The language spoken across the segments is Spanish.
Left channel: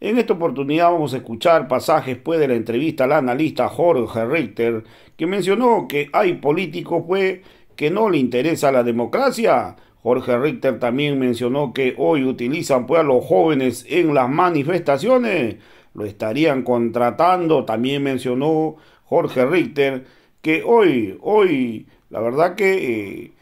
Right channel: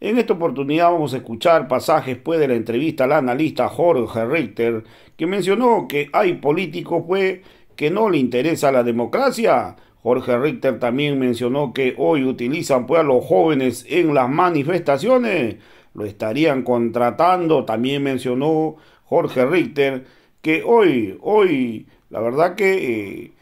En esta oportunidad vamos a escuchar pasajes pues de la entrevista al analista Jorge Richter, que mencionó que hay políticos pues que no le interesa la democracia. Jorge Richter también mencionó que hoy utilizan pues a los jóvenes en las manifestaciones, lo estarían contratando. También mencionó Jorge Richter que hoy, la verdad que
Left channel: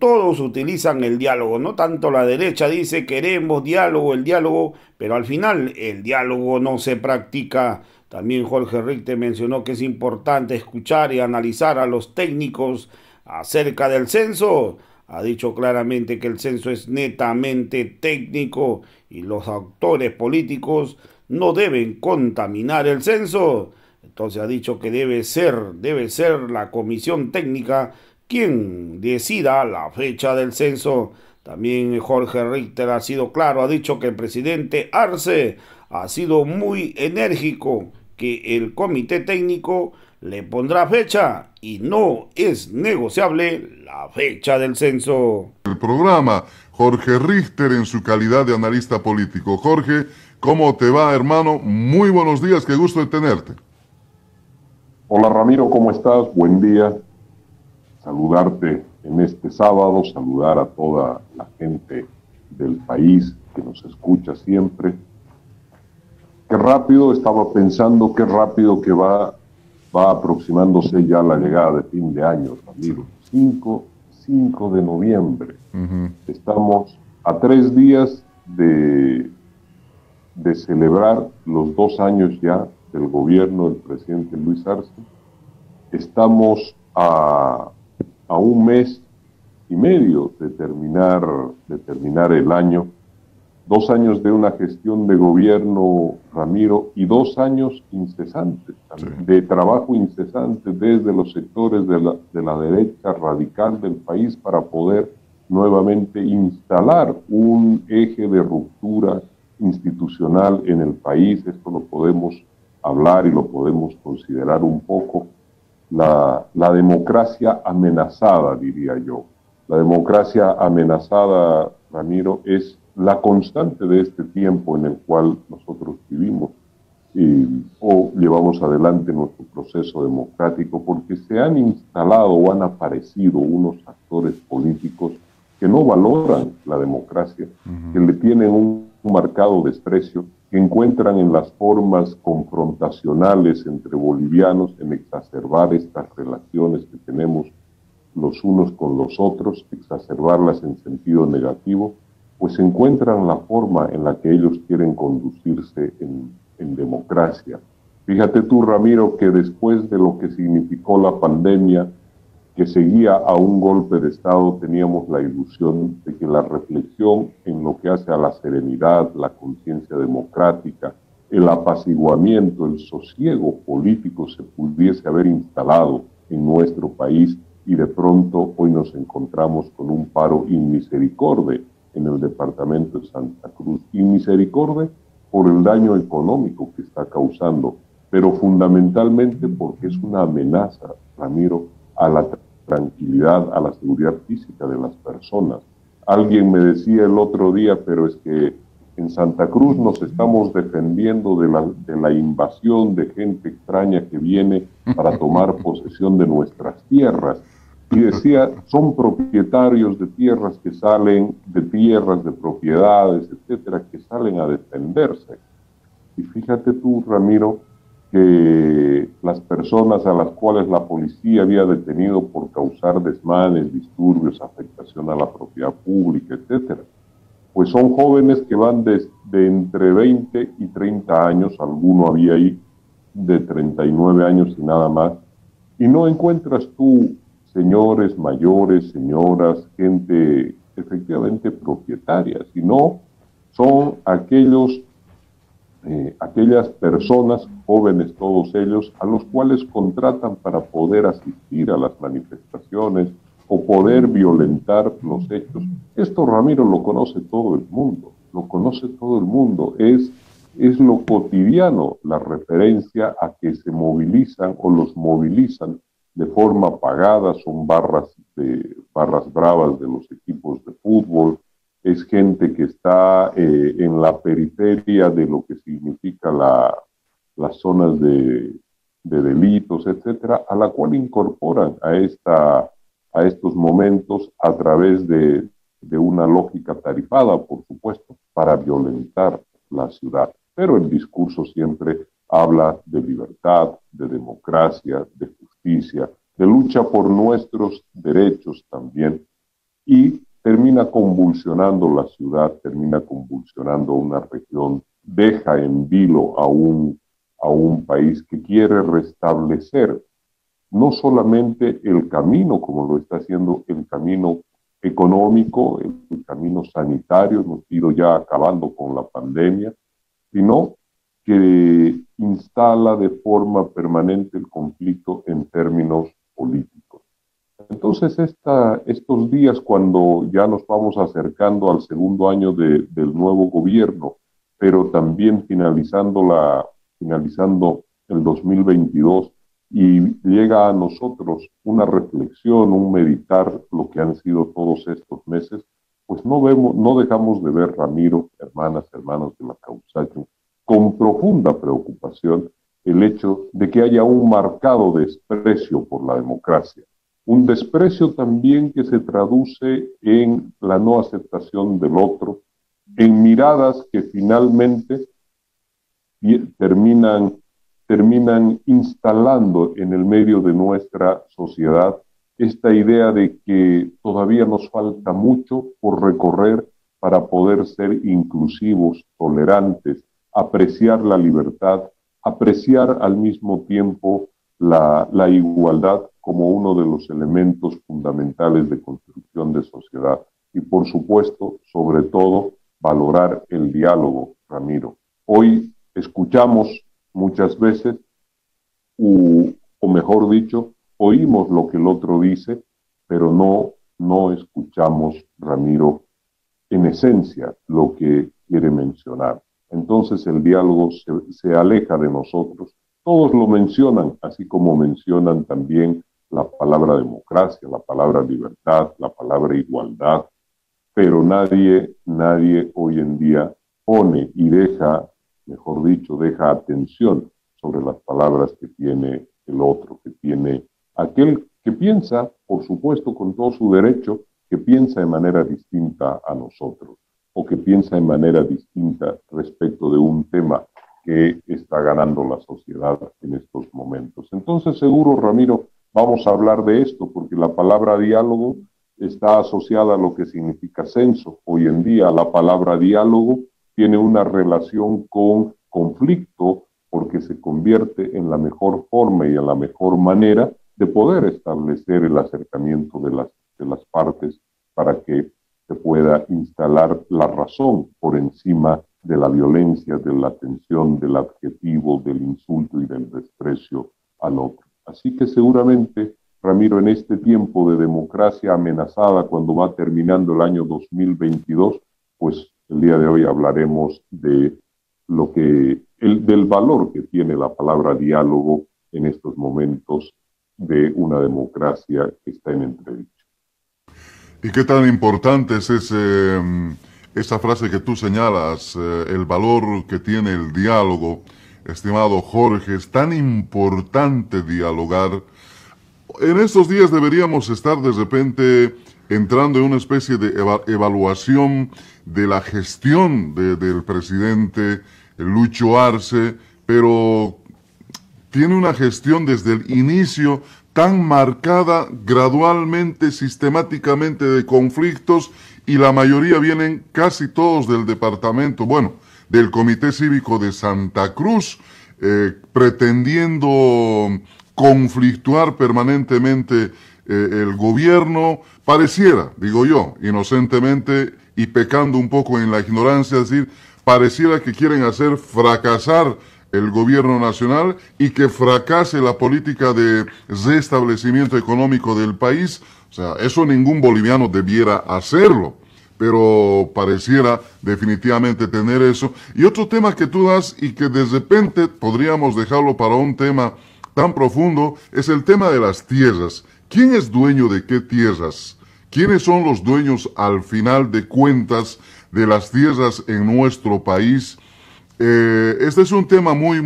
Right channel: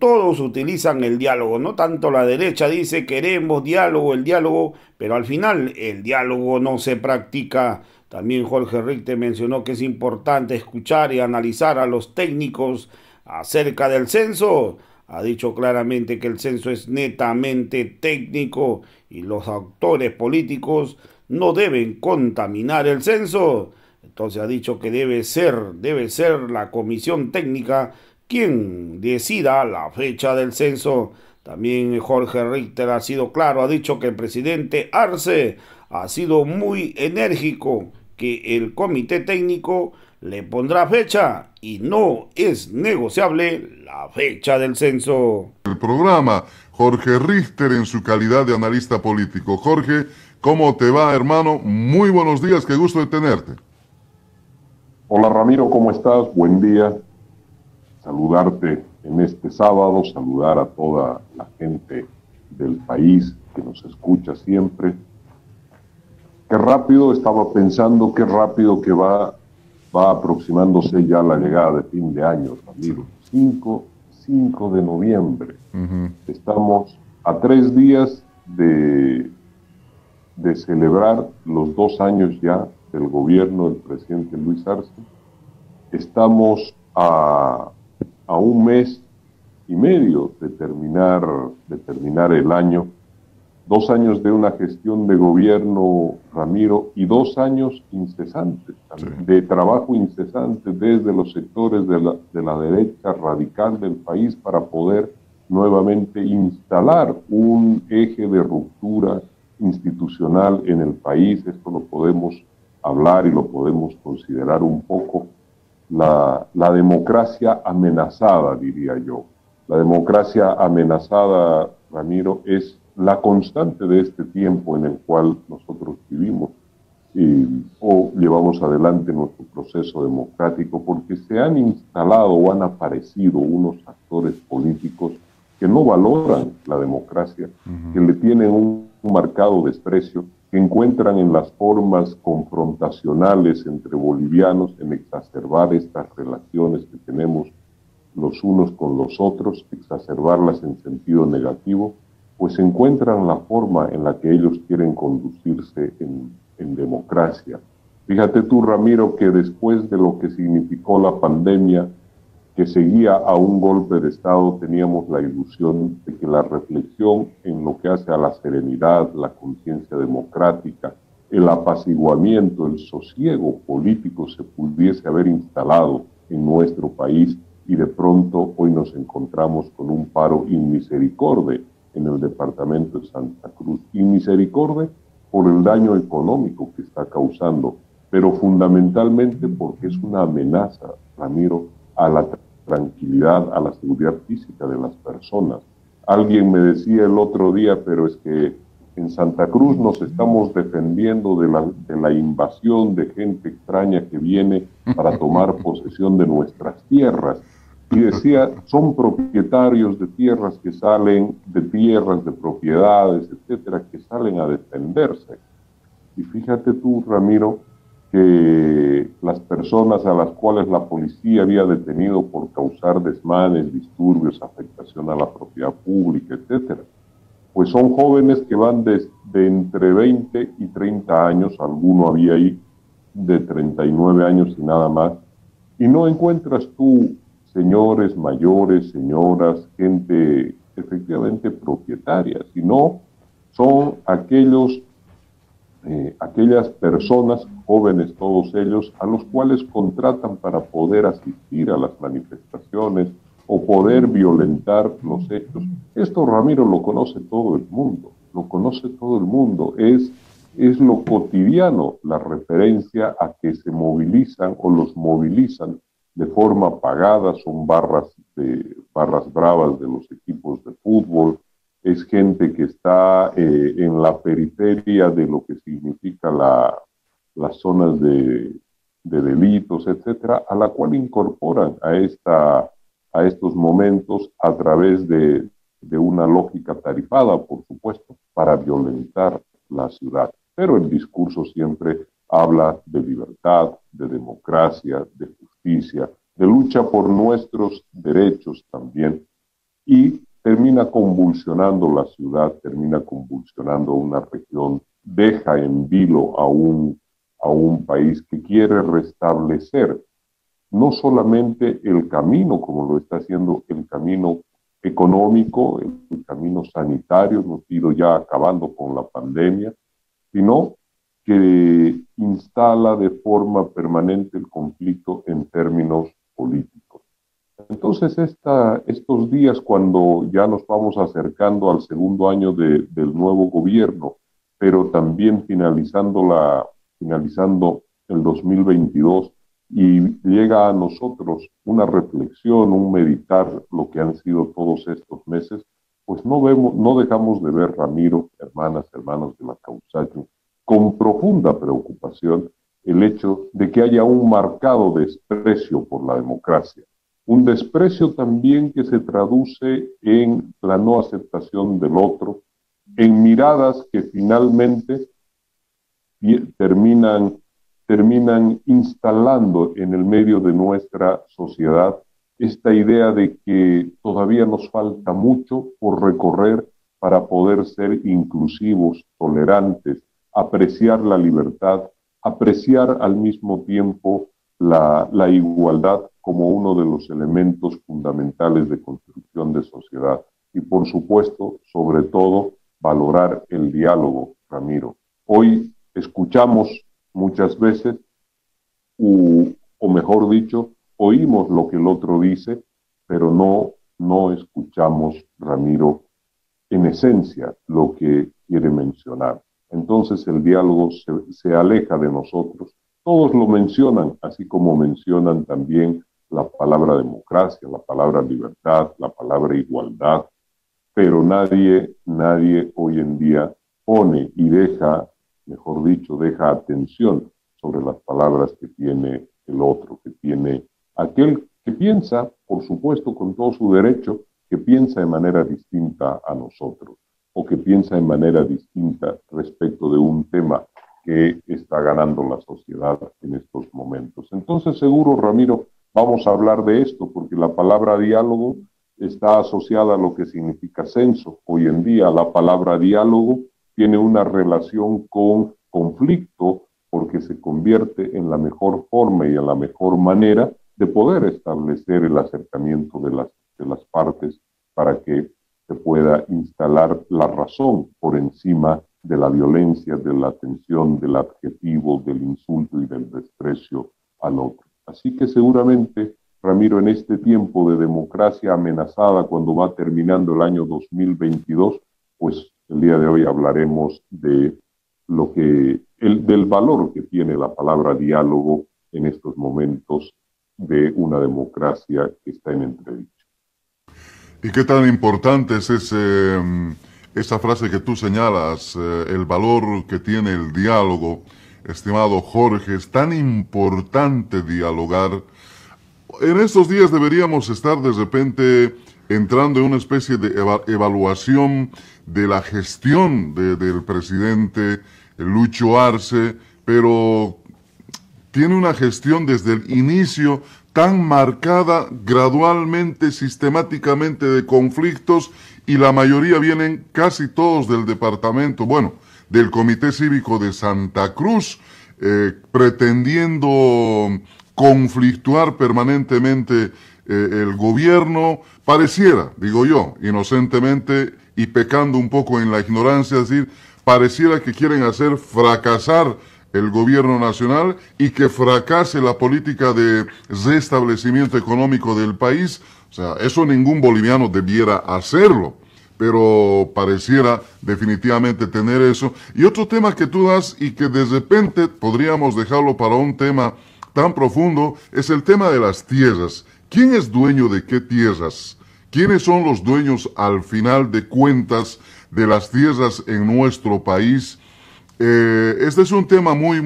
todos utilizan el diálogo, no tanto la derecha dice queremos diálogo, el diálogo, pero al final el diálogo no se practica. También Jorge Richter mencionó que es importante escuchar y analizar a los técnicos acerca del censo. Ha dicho claramente que el censo es netamente técnico y los actores políticos no deben contaminar el censo. Entonces ha dicho que debe ser la comisión técnica quien decida la fecha del censo. También Jorge Richter ha sido claro, ha dicho que el presidente Arce ha sido muy enérgico, que el comité técnico le pondrá fecha y no es negociable la fecha del censo. El programa, Jorge Richter en su calidad de analista político. Jorge, ¿cómo te va, hermano? Muy buenos días, qué gusto de tenerte. Hola Ramiro, ¿cómo estás? Buen día. Saludarte en este sábado, saludar a toda la gente del país que nos escucha siempre. Qué rápido, estaba pensando, qué rápido que va aproximándose ya la llegada de fin de año, Ramiro. 5 de noviembre. Estamos a 3 días de celebrar los 2 años ya del gobierno del presidente Luis Arce. Estamos a un mes y medio de terminar el año. 2 años de una gestión de gobierno, Ramiro, y 2 años incesantes, Sí. de trabajo incesante desde los sectores de la derecha radical del país para poder nuevamente instalar un eje de ruptura institucional en el país. Esto lo podemos hablar y lo podemos considerar un poco la democracia amenazada, diría yo. La democracia amenazada, Ramiro, es la constante de este tiempo en el cual nosotros vivimos o llevamos adelante nuestro proceso democrático, porque se han instalado o han aparecido unos actores políticos que no valoran la democracia, que le tienen un marcado desprecio, que encuentran en las formas confrontacionales entre bolivianos en exacerbar estas relaciones que tenemos los unos con los otros, exacerbarlas en sentido negativo, pues encuentran la forma en la que ellos quieren conducirse en democracia. Fíjate tú, Ramiro, que después de lo que significó la pandemia, que seguía a un golpe de Estado, teníamos la ilusión de que la reflexión en lo que hace a la serenidad, la conciencia democrática, el apaciguamiento, el sosiego político se pudiese haber instalado en nuestro país, y de pronto hoy nos encontramos con un paro inmisericordia en el departamento de Santa Cruz. Inmisericordia por el daño económico que está causando, pero fundamentalmente porque es una amenaza, Ramiro, a la tranquilidad, a la seguridad física de las personas. Alguien me decía el otro día, pero es que en Santa Cruz nos estamos defendiendo de la invasión de gente extraña que viene para tomar posesión de nuestras tierras. Y decía, son propietarios de tierras que salen, de tierras, de propiedades, etcétera, que salen a defenderse. Y fíjate tú, Ramiro, que las personas a las cuales la policía había detenido por causar desmanes, disturbios, afectación a la propiedad pública, etcétera, pues son jóvenes que van de entre 20 y 30 años, alguno había ahí de 39 años y nada más, y no encuentras tú señores mayores, señoras, gente efectivamente propietaria, sino son aquellas personas, jóvenes todos ellos, a los cuales contratan para poder asistir a las manifestaciones o poder violentar los hechos. Esto, Ramiro, lo conoce todo el mundo, lo conoce todo el mundo, es lo cotidiano, la referencia a que se movilizan o los movilizan de forma pagada, son barras bravas de los equipos de fútbol, es gente que está en la periferia de lo que significa las zonas de delitos, etcétera, a la cual incorporan a estos momentos a través de una lógica tarifada, por supuesto, para violentar la ciudad. Pero el discurso siempre habla de libertad, de democracia, de justicia, de lucha por nuestros derechos también, y termina convulsionando la ciudad, termina convulsionando una región, deja en vilo a un país que quiere restablecer no solamente el camino, como lo está haciendo el camino económico, el camino sanitario, hemos ido ya acabando con la pandemia, sino que instala de forma permanente el conflicto en términos políticos. Entonces, estos días, cuando ya nos vamos acercando al segundo año del nuevo gobierno, pero también finalizando el 2022, y llega a nosotros una reflexión, un meditar lo que han sido todos estos meses, pues no dejamos de ver, Ramiro, hermanos de la Causacho, con profunda preocupación el hecho de que haya un marcado desprecio por la democracia. Un desprecio también que se traduce en la no aceptación del otro, en miradas que finalmente terminan instalando en el medio de nuestra sociedad esta idea de que todavía nos falta mucho por recorrer para poder ser inclusivos, tolerantes, apreciar la libertad, apreciar al mismo tiempo la igualdad como uno de los elementos fundamentales de construcción de sociedad. Y por supuesto, sobre todo, valorar el diálogo, Ramiro. Hoy escuchamos muchas veces, o mejor dicho, oímos lo que el otro dice, pero no escuchamos, Ramiro, en esencia lo que quiere mencionar. Entonces el diálogo se aleja de nosotros. Todos lo mencionan, así como mencionan también la palabra democracia, la palabra libertad, la palabra igualdad, pero nadie hoy en día pone y deja atención sobre las palabras que tiene el otro, que tiene aquel que piensa, por supuesto, con todo su derecho, que piensa de manera distinta a nosotros, o que piensa de manera distinta respecto de un tema que está ganando la sociedad en estos momentos. Entonces, seguro, Ramiro, vamos a hablar de esto, porque la palabra diálogo está asociada a lo que significa censo. Hoy en día, la palabra diálogo tiene una relación con conflicto, porque se convierte en la mejor forma y en la mejor manera de poder establecer el acercamiento de las partes para que se pueda instalar la razón por encima de la violencia, de la tensión, del adjetivo, del insulto y del desprecio al otro. Así que seguramente, Ramiro, en este tiempo de democracia amenazada, cuando va terminando el año 2022, pues el día de hoy hablaremos de del valor que tiene la palabra diálogo en estos momentos de una democracia que está en entredicho. ¿Y qué tan importante es esa frase que tú señalas, el valor que tiene el diálogo? Estimado Jorge, es tan importante dialogar. En estos días deberíamos estar de repente entrando en una especie de evaluación de la gestión del presidente Lucho Arce, pero tiene una gestión desde el inicio tan marcada, gradualmente, sistemáticamente, de conflictos, y la mayoría vienen casi todos del departamento, del Comité Cívico de Santa Cruz, pretendiendo conflictuar permanentemente el gobierno, pareciera, digo yo, inocentemente y pecando un poco en la ignorancia, es decir, pareciera que quieren hacer fracasar el gobierno nacional y que fracase la política de restablecimiento económico del país. O sea, eso ningún boliviano debiera hacerlo, pero pareciera definitivamente tener eso. Y otro tema que tú das y que de repente podríamos dejarlo para un tema tan profundo es el tema de las tierras. ¿Quién es dueño de qué tierras? ¿quiénes son los dueños al final de cuentas de las tierras en nuestro país? Este es un tema muy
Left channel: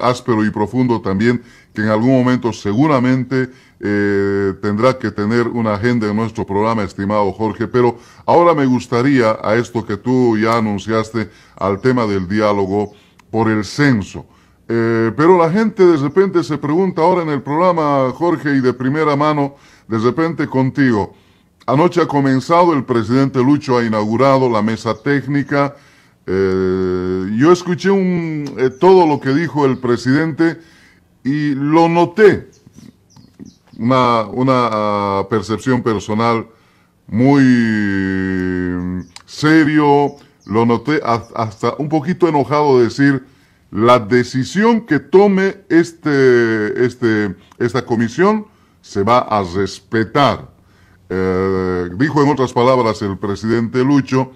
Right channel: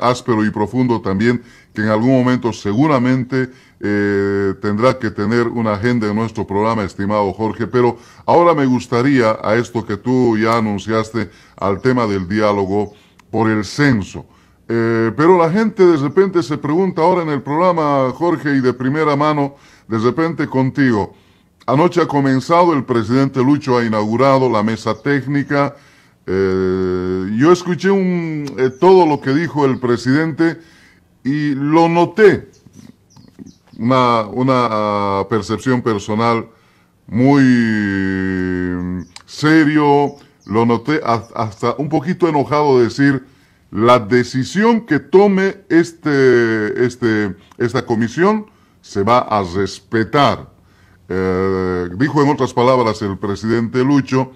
áspero y profundo también, que en algún momento seguramente tendrá que tener una agenda en nuestro programa, estimado Jorge, pero ahora me gustaría, a esto que tú ya anunciaste, al tema del diálogo por el censo. Pero la gente de repente se pregunta ahora en el programa, Jorge, y de primera mano, de repente contigo. Anoche ha comenzado, el presidente Lucho ha inaugurado la mesa técnica. Yo escuché todo lo que dijo el presidente y lo noté. Una percepción personal muy serio. Lo noté hasta un poquito enojado de decir, la decisión que tome esta comisión se va a respetar. Dijo en otras palabras el presidente Lucho,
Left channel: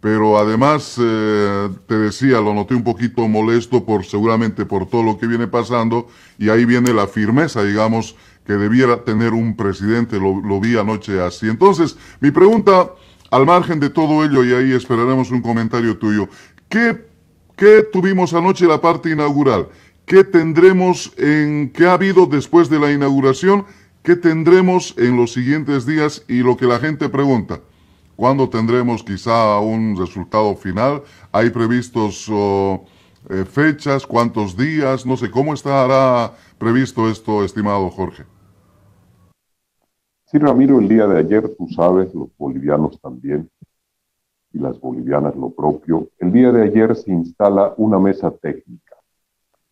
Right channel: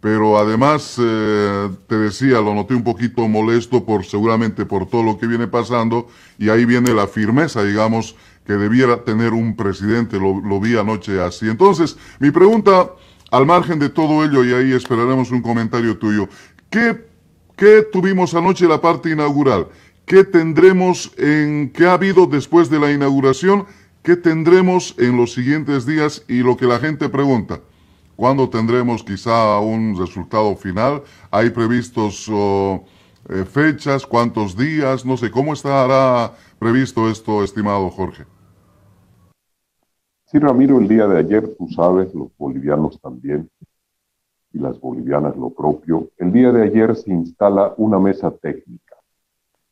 pero además, te decía, lo noté un poquito molesto seguramente por todo lo que viene pasando, y ahí viene la firmeza, digamos, que debiera tener un presidente, lo vi anoche así. Entonces, mi pregunta, al margen de todo ello, y ahí esperaremos un comentario tuyo, ¿qué tuvimos anoche en la parte inaugural? ¿Qué tendremos qué ha habido después de la inauguración? ¿Qué tendremos en los siguientes días? Y lo que la gente pregunta, ¿cuándo tendremos quizá un resultado final? ¿Hay previstos fechas? ¿Cuántos días? No sé, ¿cómo estará previsto esto, estimado Jorge? Sí, Ramiro, el día de ayer, tú sabes, los bolivianos también, y las bolivianas lo propio, el día de ayer se instala una mesa técnica.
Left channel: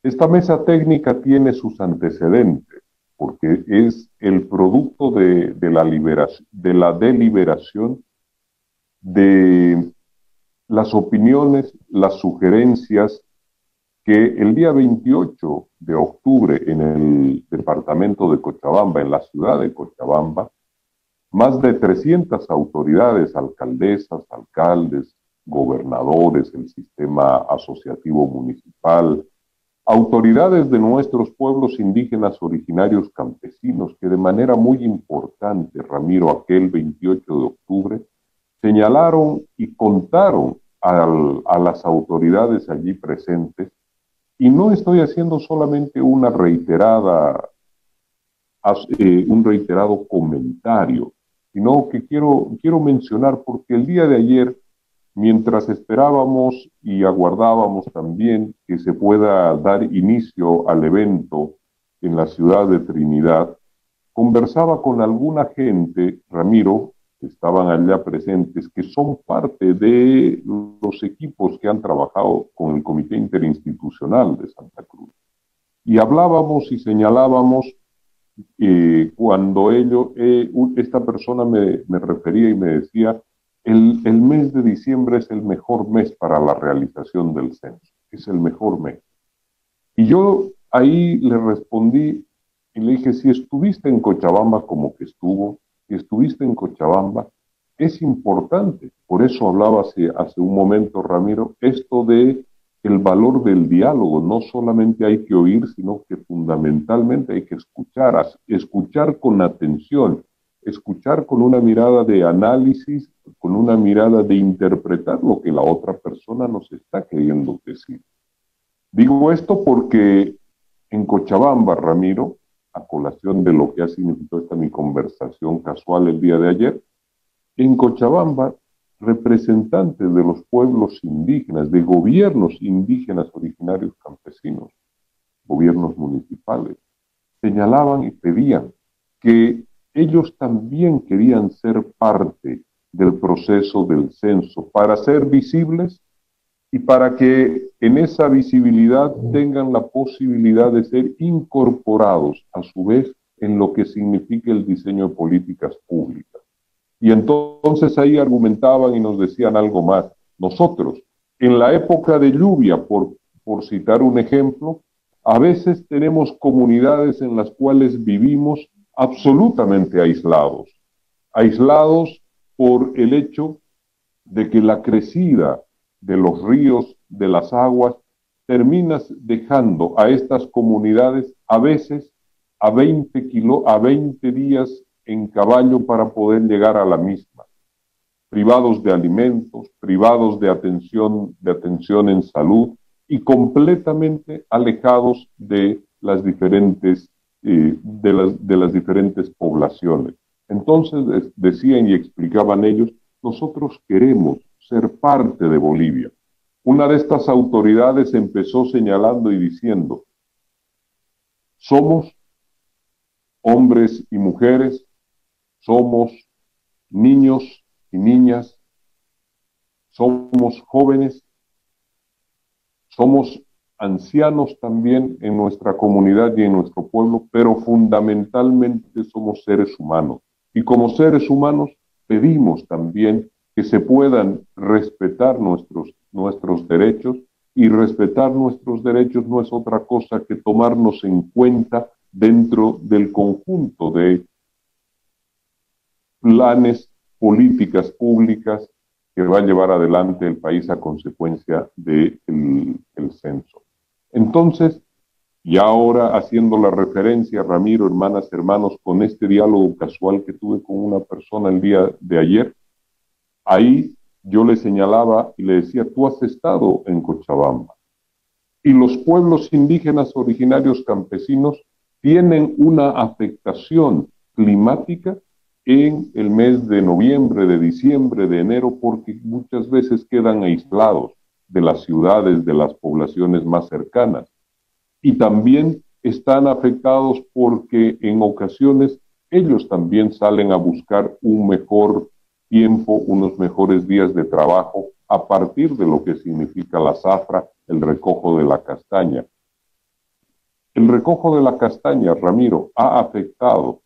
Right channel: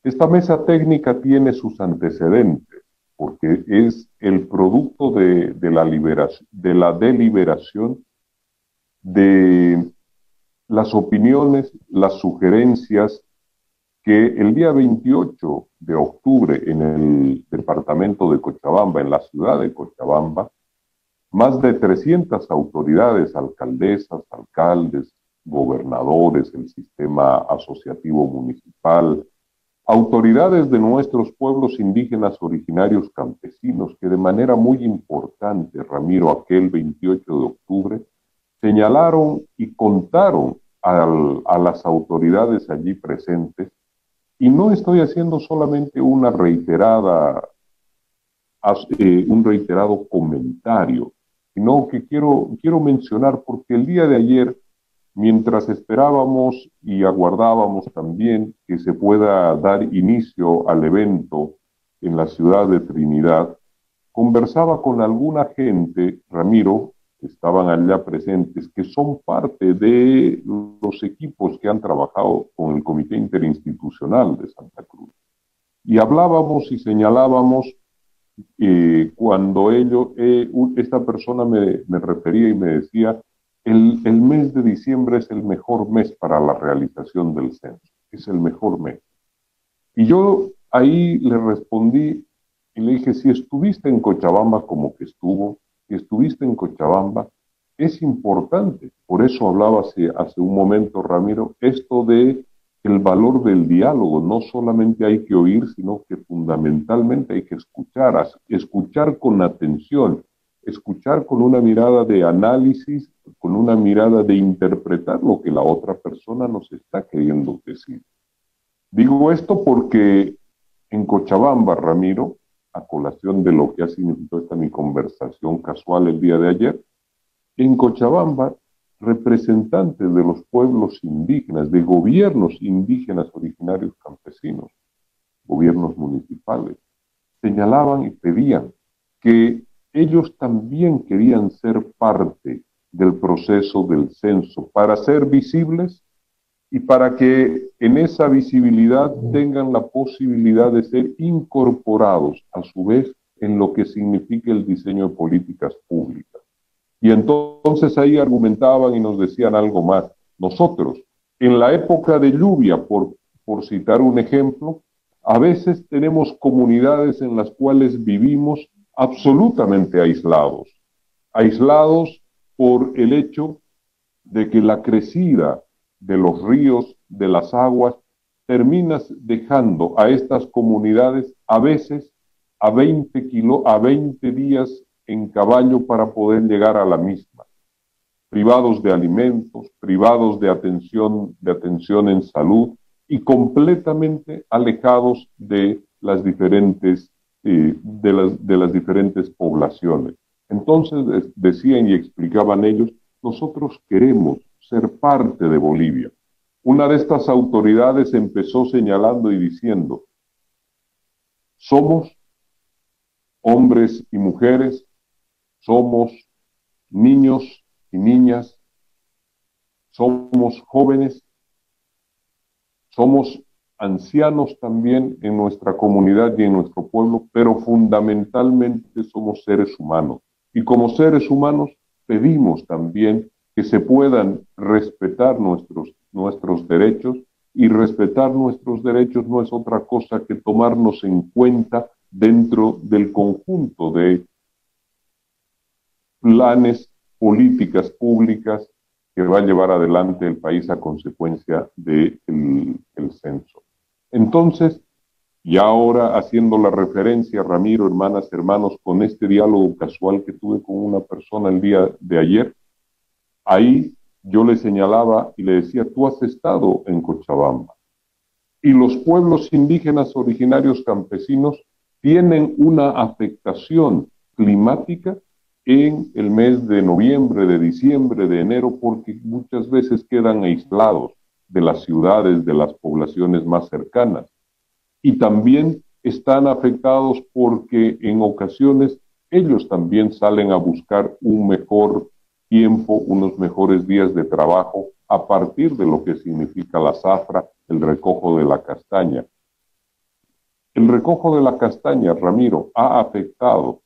Esta mesa técnica tiene sus antecedentes, porque es el producto de la deliberación de las opiniones, las sugerencias que el día 28 de octubre en el departamento de Cochabamba, en la ciudad de Cochabamba, más de 300 autoridades, alcaldesas, alcaldes, gobernadores, el sistema asociativo municipal, autoridades de nuestros pueblos indígenas originarios campesinos, que de manera muy importante, Ramiro, aquel 28 de octubre, señalaron y contaron a las autoridades allí presentes, y no estoy haciendo solamente un reiterado comentario, sino que quiero mencionar, porque el día de ayer, mientras esperábamos y aguardábamos también que se pueda dar inicio al evento en la ciudad de Trinidad, conversaba con alguna gente, Ramiro, que estaban allá presentes, que son parte de los equipos que han trabajado con el Comité Interinstitucional de Santa Cruz. Y hablábamos y señalábamos, cuando esta persona me refería y me decía, el mes de diciembre es el mejor mes para la realización del censo, es el mejor mes. Y yo ahí le respondí y le dije, si estuviste en Cochabamba como que estuvo, si estuviste en Cochabamba, es importante. Por eso hablaba hace un momento, Ramiro, esto de el valor del diálogo. No solamente hay que oír, sino que fundamentalmente hay que escuchar con atención, escuchar con una mirada de análisis, con una mirada de interpretar lo que la otra persona nos está queriendo decir. Digo esto porque en Cochabamba, Ramiro, a colación de lo que ha significado esta mi conversación casual el día de ayer, en Cochabamba, representantes de los pueblos indígenas, de gobiernos indígenas originarios campesinos, gobiernos municipales, señalaban y pedían que ellos también querían ser parte del proceso del censo para ser visibles y para que en esa visibilidad tengan la posibilidad de ser incorporados a su vez en lo que significa el diseño de políticas públicas. Y entonces ahí argumentaban y nos decían algo más. Nosotros, en la época de lluvia, por citar un ejemplo, a veces tenemos comunidades en las cuales vivimos absolutamente aislados por el hecho de que la crecida de los ríos, de las aguas, terminas dejando a estas comunidades a veces a 20 días en caballo para poder llegar a la misma, privados de alimentos, privados de atención en salud y completamente alejados de las diferentes, de las diferentes poblaciones. Entonces decían y explicaban ellos, nosotros queremos ser parte de Bolivia. Una de estas autoridades empezó señalando y diciendo, somos hombres y mujeres, somos niños y niñas, somos jóvenes, somos ancianos también en nuestra comunidad y en nuestro pueblo, pero fundamentalmente somos seres humanos. Y como seres humanos pedimos también que se puedan respetar nuestros derechos, y respetar nuestros derechos no es otra cosa que tomarnos en cuenta dentro del conjunto de planes, políticas públicas que va a llevar adelante el país a consecuencia del censo. Entonces, y ahora haciendo la referencia, Ramiro, hermanas, hermanos, con este diálogo casual que tuve con una persona el día de ayer, ahí yo le señalaba y le decía, tú has estado en Cochabamba. Y los pueblos indígenas originarios campesinos tienen una afectación climática en el mes de noviembre, de diciembre, de enero, porque muchas veces quedan aislados de las ciudades, de las poblaciones más cercanas. Y también están afectados porque en ocasiones ellos también salen a buscar un mejor tiempo, unos mejores días de trabajo a partir de lo que significa la zafra, el recojo de la castaña. El recojo de la castaña, Ramiro, ha afectado,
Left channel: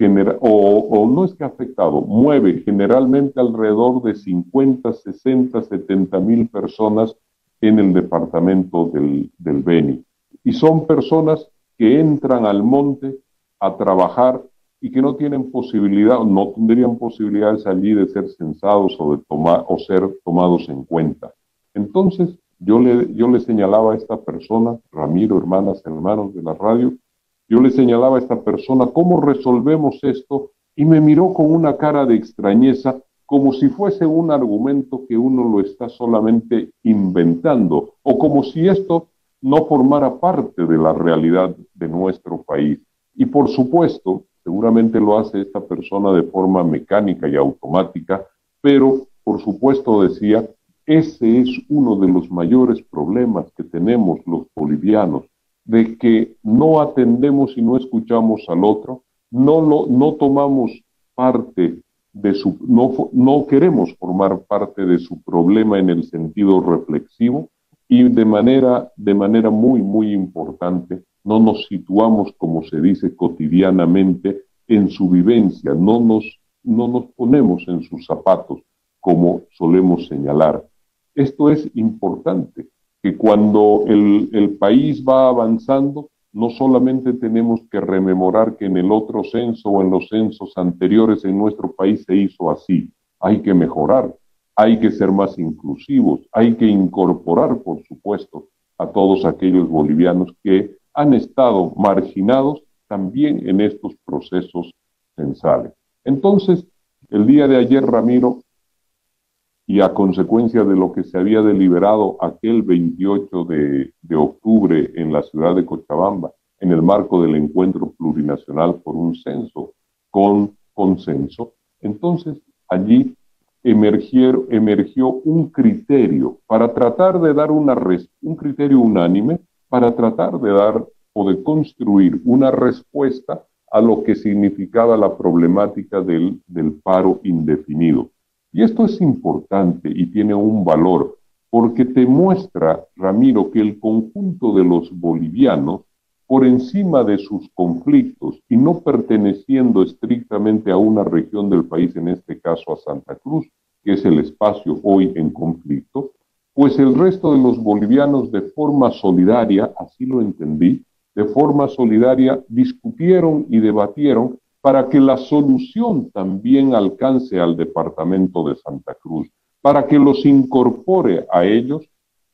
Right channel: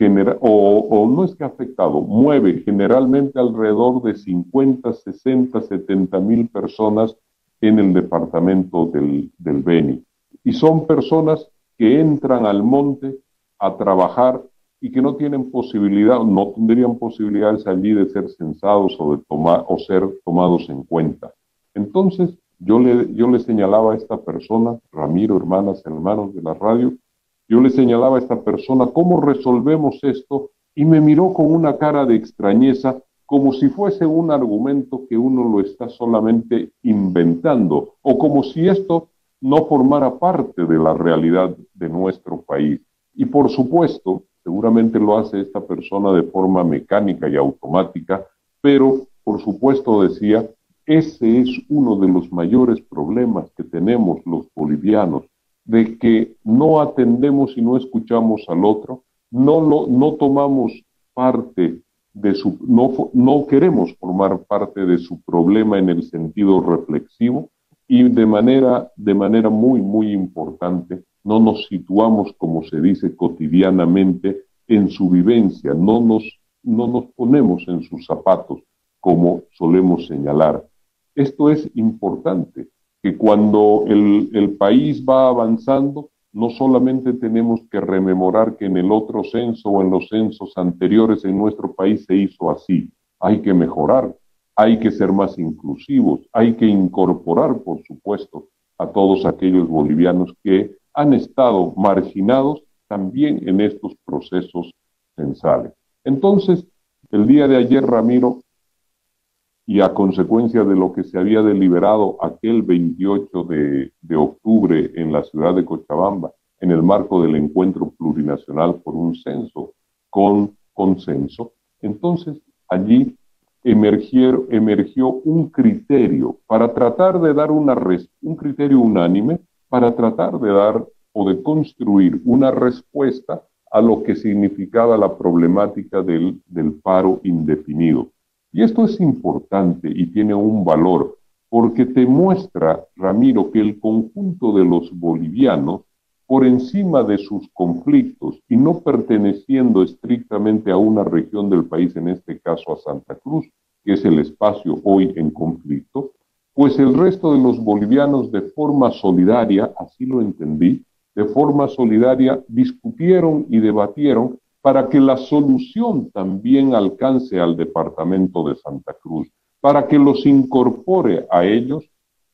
no es que ha afectado, mueve generalmente alrededor de 50, 60, 70 mil personas en el departamento del Beni. Y son personas que entran al monte a trabajar y que no tienen posibilidad, no tendrían posibilidades allí de ser censados o ser tomados en cuenta. Entonces, yo le señalaba a esta persona, Ramiro, hermanas, hermanos de la radio, yo le señalaba a esta persona cómo resolvemos esto y me miró con una cara de extrañeza como si fuese un argumento que uno lo está solamente inventando o como si esto no formara parte de la realidad de nuestro país. Y por supuesto, seguramente lo hace esta persona de forma mecánica y automática, pero por supuesto decía, ese es uno de los mayores problemas que tenemos los bolivianos, de que no atendemos y no escuchamos al otro, no tomamos parte de su, no queremos formar parte de su problema en el sentido reflexivo y de manera muy, muy importante, no nos situamos, como se dice cotidianamente, en su vivencia, no nos ponemos en sus zapatos, como solemos señalar. Esto es importante, que cuando el país va avanzando, no solamente tenemos que rememorar que en el otro censo o en los censos anteriores en nuestro país se hizo así, hay que mejorar, hay que ser más inclusivos, hay que incorporar, por supuesto, a todos aquellos bolivianos que han estado marginados también en estos procesos censales. Entonces, el día de ayer, Ramiro, y a consecuencia de lo que se había deliberado aquel 28 de octubre en la ciudad de Cochabamba, en el marco del encuentro plurinacional por un censo con consenso, entonces allí emergió un criterio para tratar de dar un criterio unánime para tratar de dar o de construir una respuesta a lo que significaba la problemática del paro indefinido. Y esto es importante y tiene un valor, porque te muestra, Ramiro, que el conjunto de los bolivianos, por encima de sus conflictos y no perteneciendo estrictamente a una región del país, en este caso a Santa Cruz, que es el espacio hoy en conflicto, pues el resto de los bolivianos de forma solidaria, así lo entendí, de forma solidaria discutieron y debatieron para que la solución también alcance al departamento de Santa Cruz, para que los incorpore a ellos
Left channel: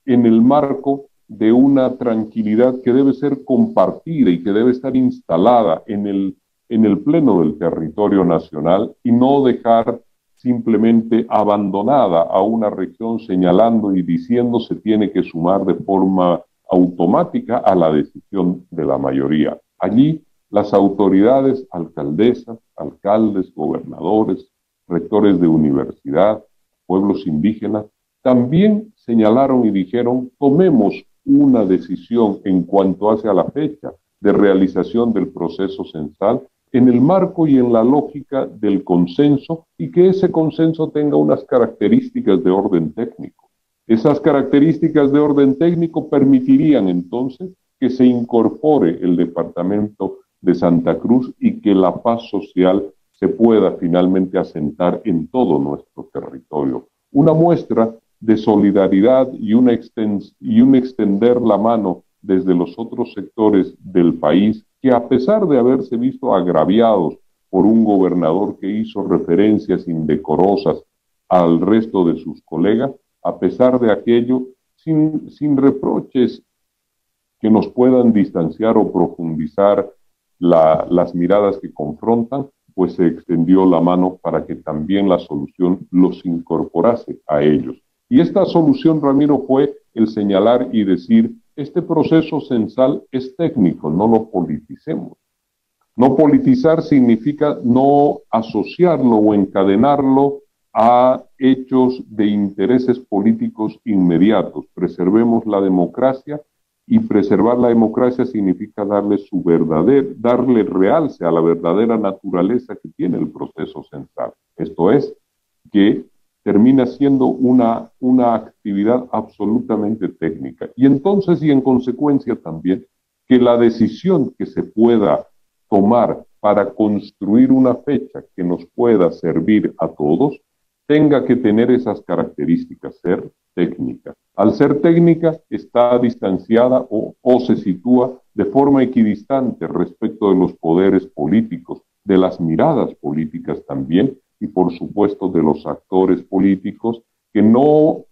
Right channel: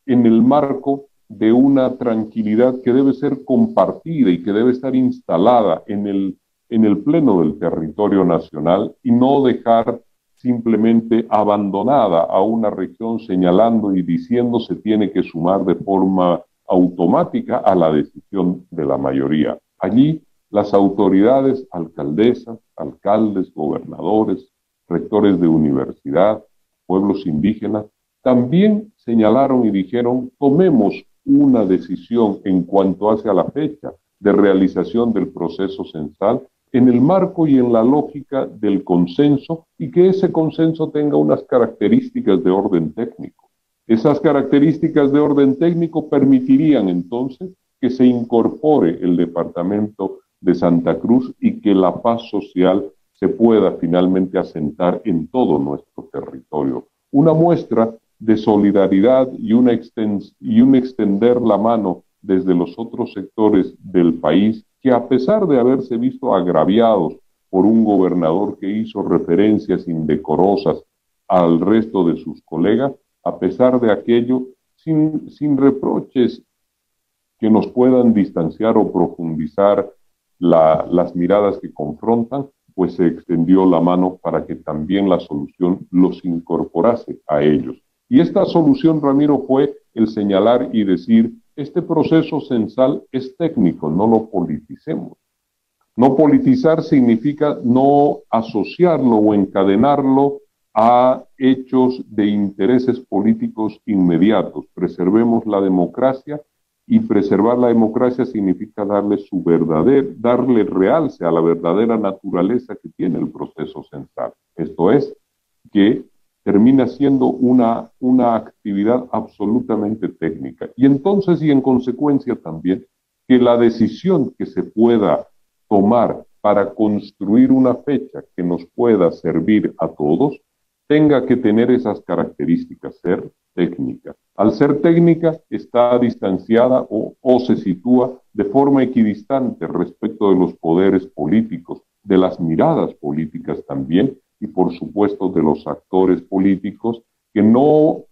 en el marco de una tranquilidad que debe ser compartida y que debe estar instalada en en el pleno del territorio nacional y no dejar simplemente abandonada a una región señalando y diciendo se tiene que sumar de forma automática a la decisión de la mayoría. Allí las autoridades, alcaldesas, alcaldes, gobernadores, rectores de universidad, pueblos indígenas, también señalaron y dijeron, tomemos una decisión en cuanto hacia la fecha de realización del proceso censal en el marco y en la lógica del consenso y que ese consenso tenga unas características de orden técnico. Esas características de orden técnico permitirían entonces que se incorpore el departamento de Santa Cruz y que la paz social se pueda finalmente asentar en todo nuestro territorio. Una muestra de solidaridad y un extender la mano desde los otros sectores del país que a pesar de haberse visto agraviados por un gobernador que hizo referencias indecorosas al resto de sus colegas, a pesar de aquello, sin reproches que nos puedan distanciar o profundizar las miradas que confrontan, pues se extendió la mano para que también la solución los incorporase a ellos. Y esta solución, Ramiro, fue el señalar y decir, este proceso censal es técnico, no lo politicemos. No politizar significa no asociarlo o encadenarlo a hechos de intereses políticos inmediatos. Preservemos la democracia y preservar la democracia significa darle realce a la verdadera naturaleza que tiene el proceso censal. Esto es, que termina siendo una actividad absolutamente técnica. Y entonces, y en consecuencia también, que la decisión que se pueda tomar para construir una fecha que nos pueda servir a todos, tenga que tener esas características, ser técnica. Al ser técnica, está distanciada o se sitúa de forma equidistante respecto de los poderes políticos, de las miradas políticas también, y por supuesto de los actores políticos que no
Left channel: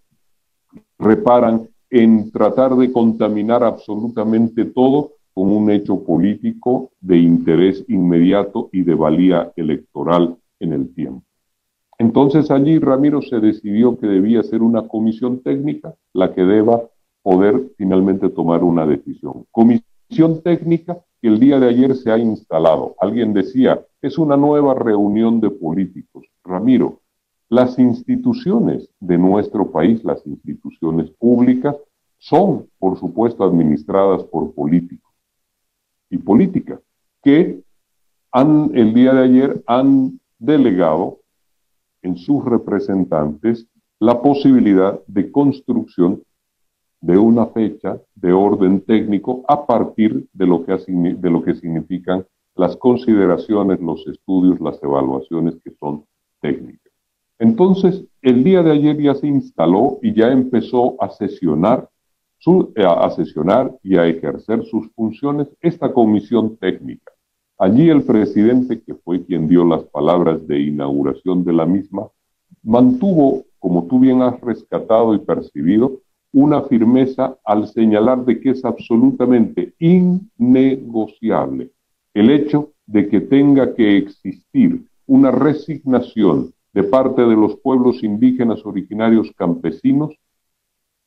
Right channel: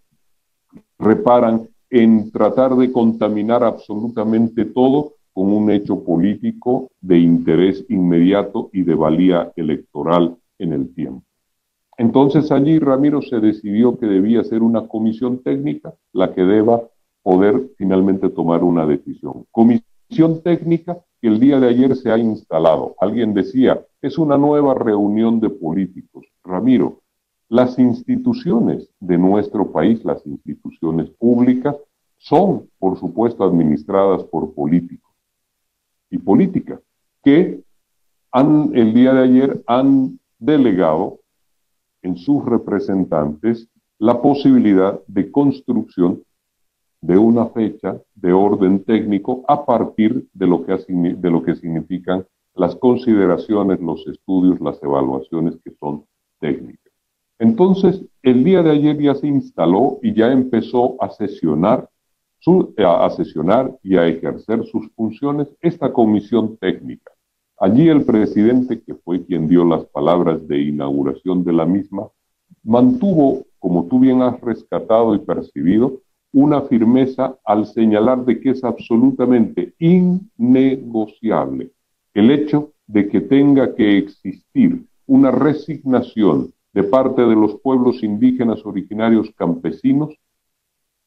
reparan en tratar de contaminar absolutamente todo con un hecho político de interés inmediato y de valía electoral en el tiempo. Entonces allí, Ramiro, se decidió que debía ser una comisión técnica la que deba poder finalmente tomar una decisión. Comisión técnica que el día de ayer se ha instalado. Alguien decía, es una nueva reunión de políticos. Ramiro, las instituciones de nuestro país, las instituciones públicas, son, por supuesto, administradas por políticos y políticas que el día de ayer han delegado en sus representantes la posibilidad de construcción de una fecha de orden técnico a partir de lo que significan las consideraciones, los estudios, las evaluaciones que son técnicas. Entonces, el día de ayer ya se instaló y ya empezó a sesionar y a ejercer sus funciones esta comisión técnica. Allí el presidente, que fue quien dio las palabras de inauguración de la misma, mantuvo, como tú bien has rescatado y percibido, una firmeza al señalar de que es absolutamente innegociable el hecho de que tenga que existir una resignación de parte de los pueblos indígenas originarios campesinos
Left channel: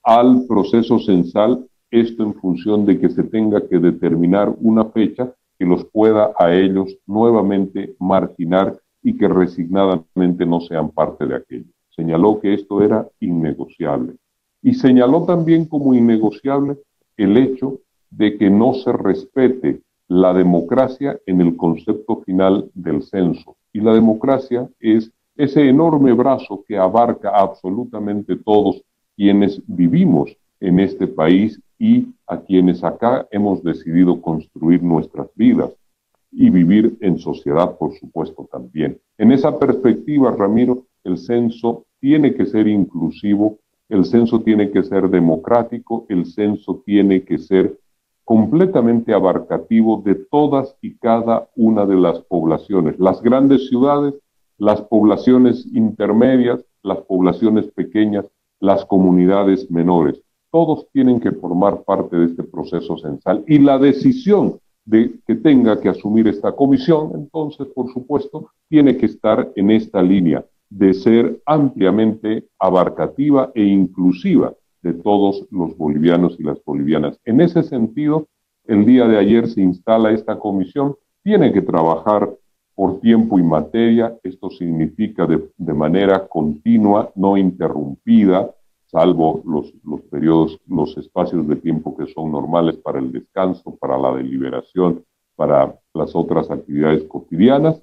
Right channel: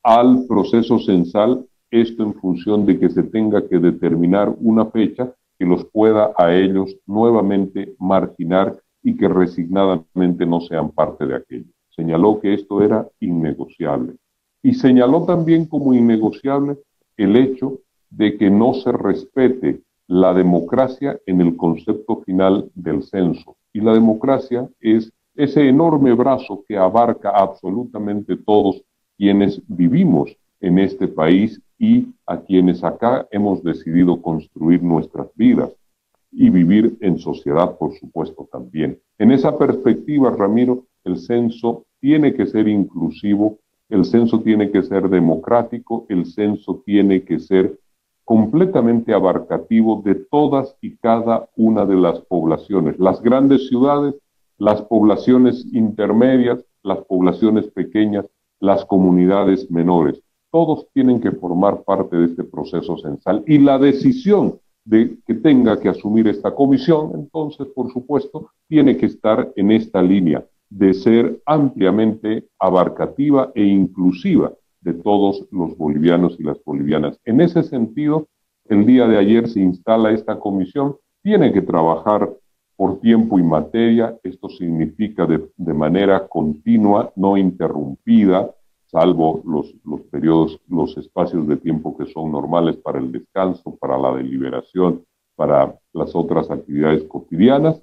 al proceso censal, esto en función de que se tenga que determinar una fecha que los pueda a ellos nuevamente marginar y que resignadamente no sean parte de aquello. Señaló que esto era innegociable. Y señaló también como innegociable el hecho de que no se respete la democracia en el concepto final del censo. Y la democracia es ese enorme brazo que abarca absolutamente todos quienes vivimos en este país y a quienes acá hemos decidido construir nuestras vidas y vivir en sociedad, por supuesto, también. En esa perspectiva, Ramiro, el censo tiene que ser inclusivo, el censo tiene que ser democrático, el censo tiene que ser completamente abarcativo de todas y cada una de las poblaciones, las grandes ciudades, las poblaciones intermedias, las poblaciones pequeñas, las comunidades menores. Todos tienen que formar parte de este proceso censal y la decisión de que tenga que asumir esta comisión, entonces, por supuesto, tiene que estar en esta línea de ser ampliamente abarcativa e inclusiva de todos los bolivianos y las bolivianas. En ese sentido, el día de ayer se instala esta comisión, tiene que trabajar por tiempo y materia, esto significa de manera continua, no interrumpida, salvo los periodos, los espacios de tiempo que son normales para el descanso, para la deliberación, para las otras actividades cotidianas,